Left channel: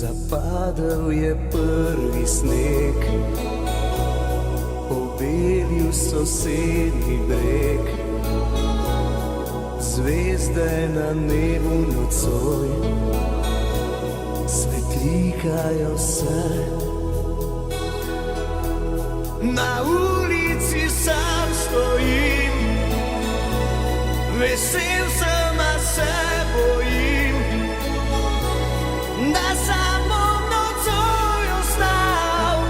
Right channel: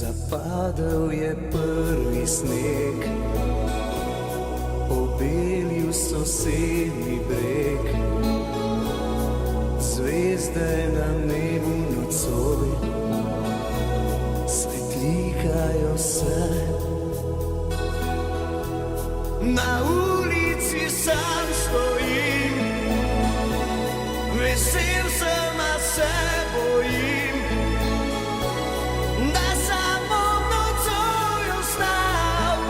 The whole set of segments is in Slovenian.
Zapadel je prvi sneg, pobelil sosednji breg, zvezde na nebu nocoj svetlikajo se. Na ulici sam stojim, vesel sem, a se bojim, da samo nocoj ostal,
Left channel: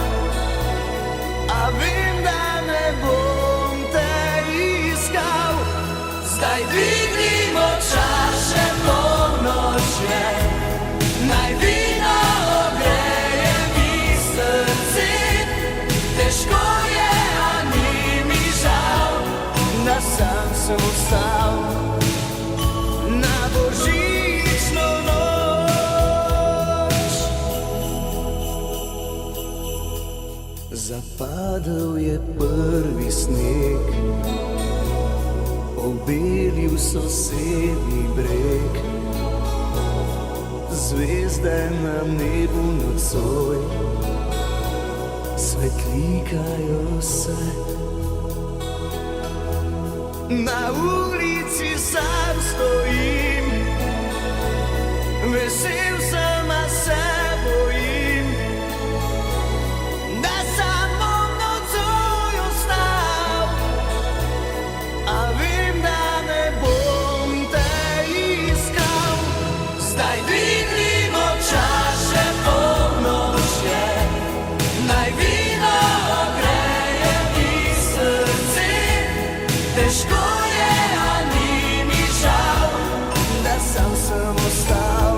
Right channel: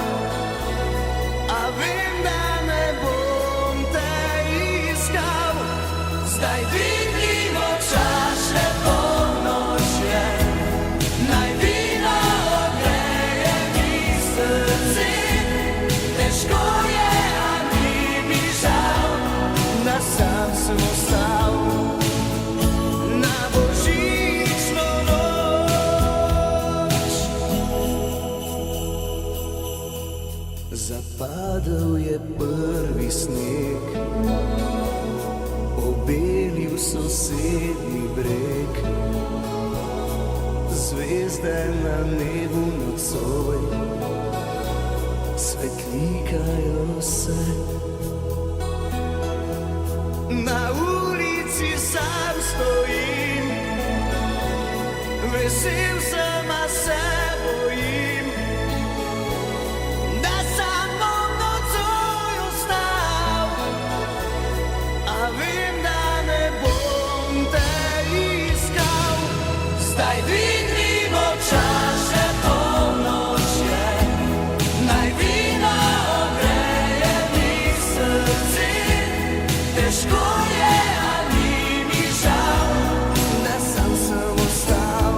a vem, da ne bom te iskal. Zdaj dvignimo čaše, polnoč je, naj vino ogreje mi srce. Težko je, a ni mi žal, da sam sem ostal na božično noč. Zapadel je prvi sneg, pobelil sosednji breg, zvezde na nebu nocoj svetlikajo se. Na ulici sam stojim, vesel sem, a se bojim, da sam bom nocoj ostal, a vem, da ne bom te iskal. Zdaj dvignimo čaše, polnoč je, naj vino ogreje mi srce. Težko je, a ni mi žal, da sam sem ostal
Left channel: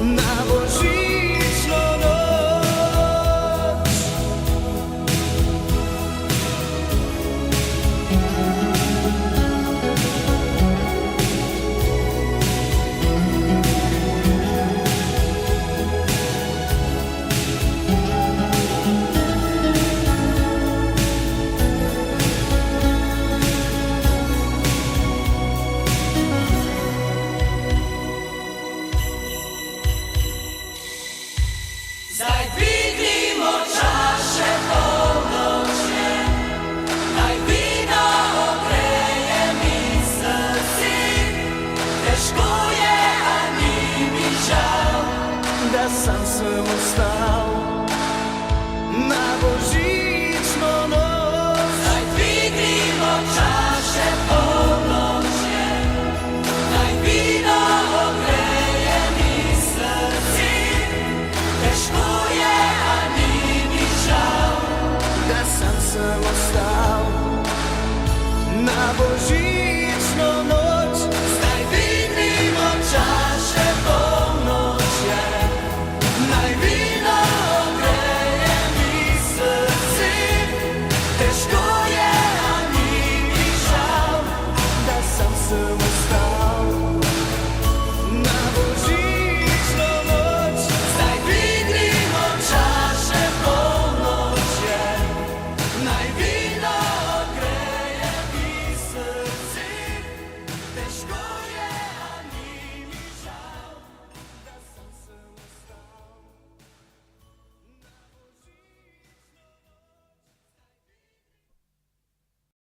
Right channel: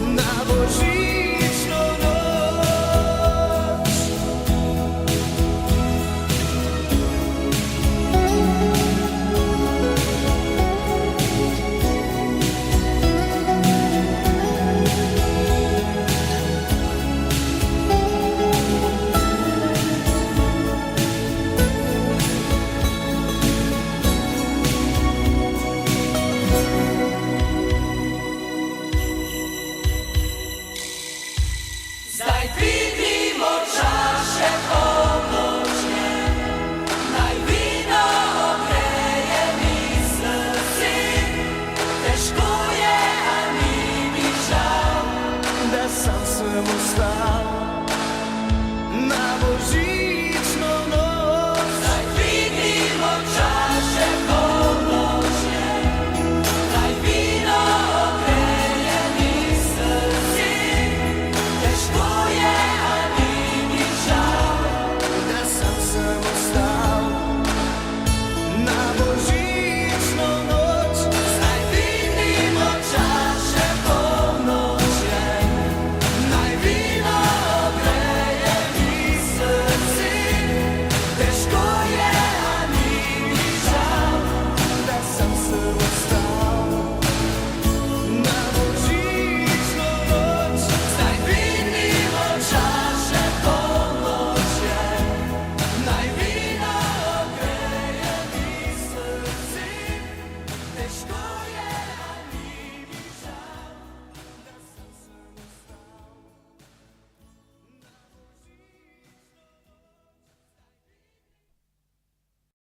na božično noč. Zdaj dvignimo čaše, polnoč je, naj vino ogreje mi srce. Težko je, a ni mi žal, da sam sem ostal